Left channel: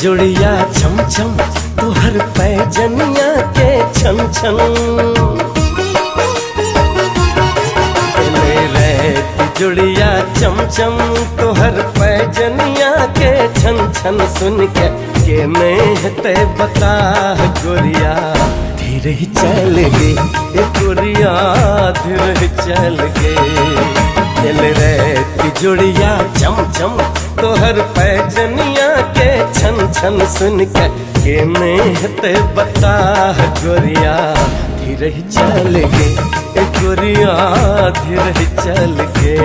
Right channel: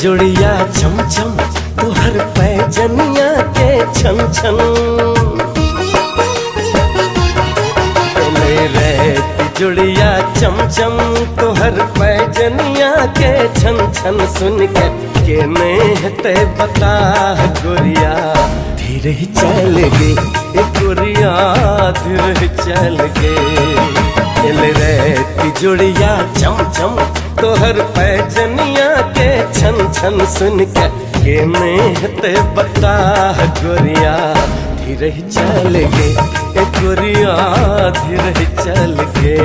तिजोड़िया छम छम तोहर पैजनिया के छन छन रे तिजोड़िया चम चम तोहर पैजनिया के छन छन सुन के नेहते बता गोरिया धीरे चल गे गोरिया धीरे चल गे रे तिजोड़िया चम चम तोहर पैजनिया के छन छन सुन के नेहते बता गोरिया धीरे चल गे गोरिया धीरे चल गे।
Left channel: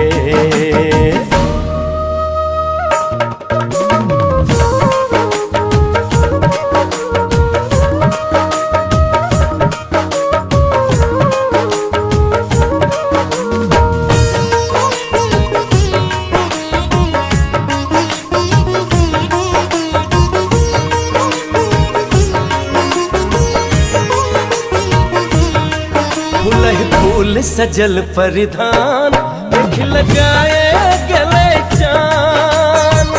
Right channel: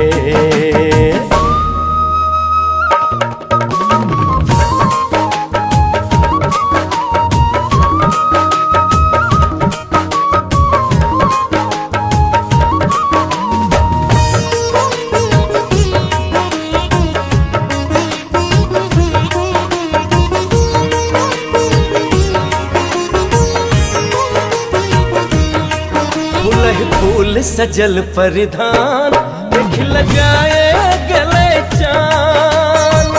फूल फूल सजल परिधान देख लगाए गले चान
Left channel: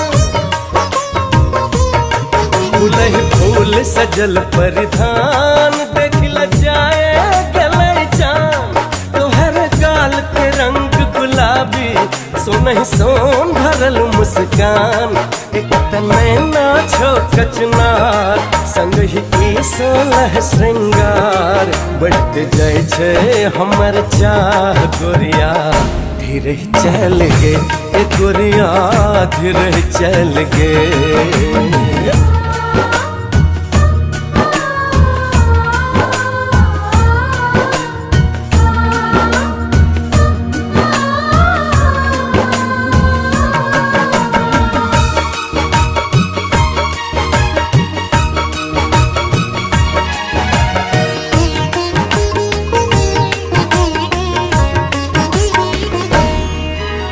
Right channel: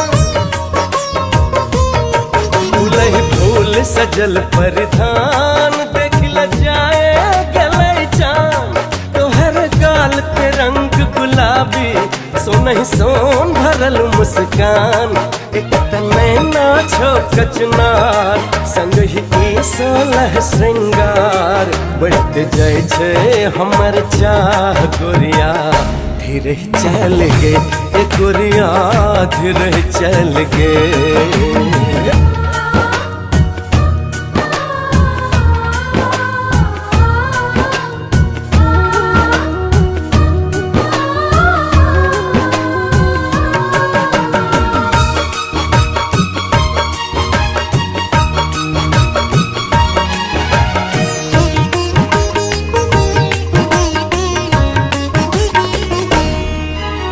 फूल फूल सजल परिधान देख लगाए गले चान तोहर गाल के रंग गुलाबी सोनहि सोन भरल मुस्कान एक तने नाछो कचनार संग ही ई सोलह श्रृंगार बढ़ते जाय छे हमर चाह गोरिया धीरे चल गे गोरिया धीरे चल गे।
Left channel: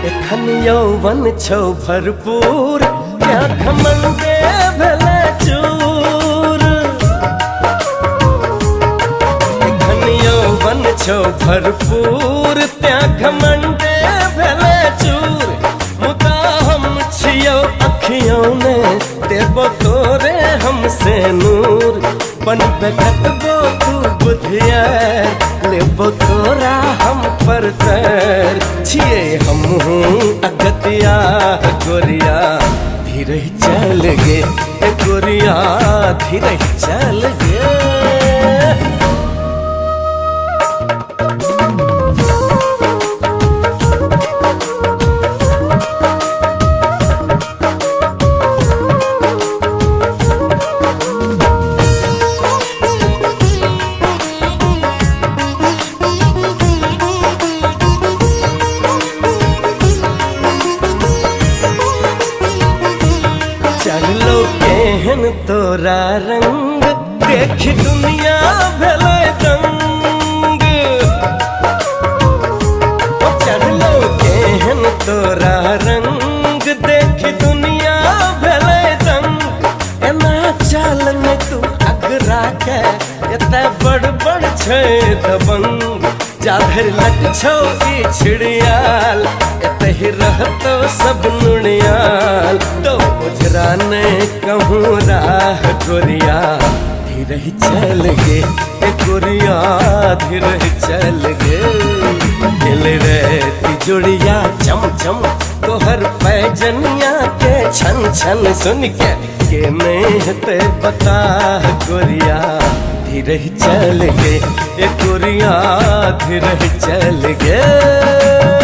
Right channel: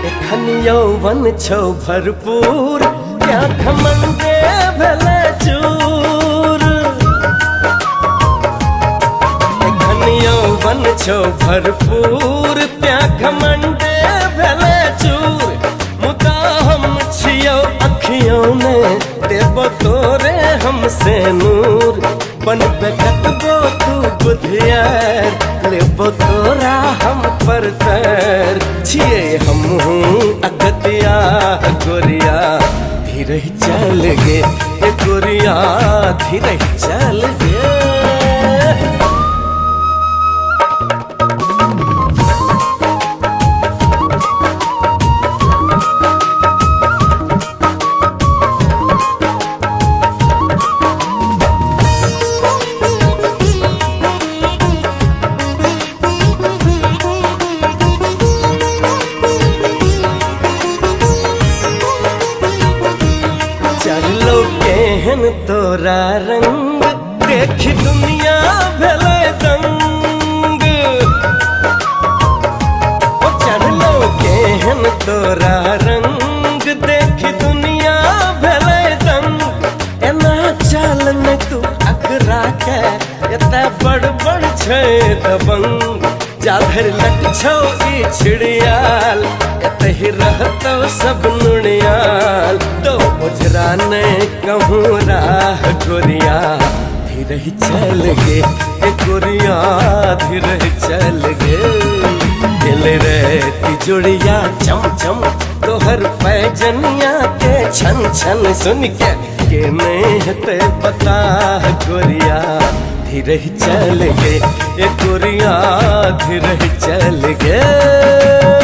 एखन यौवन छौ भरपूर क्या घमंडे भेले चूर एखन यौवन छौ भरपूर त्या घमंडे भेले चूर मुदा हम छियौ अखियों ने देबो तोरे हमसे नूर बनबे कतबो तू बुधियार लेबो तोरा हम पर तर छिए हम अगतिया गोरिया धीरे चल गे गोरिया धीरे चल गे। चढ़लो केहन तोरा रंग देख दुनिया भेले दंग चढ़लो केहन तोरा रंग देख दुनिया भेले दंग एना चाल में तू अगरा के एते बड़ बड़ छे दबंग जाधर लट छौ ई छिड़ियाल एते ही रहतो सब नुड़ियाल तो उजरा ने कहूँ राह गोरिया धीरे चल गे गोरिया धीरे चल गे रे तिजोड़िया चम चम तोहर पैजनिया के छन छन सुन के नेहते बता गोरिया धीरे चल गे गोरिया धीरे चल गे।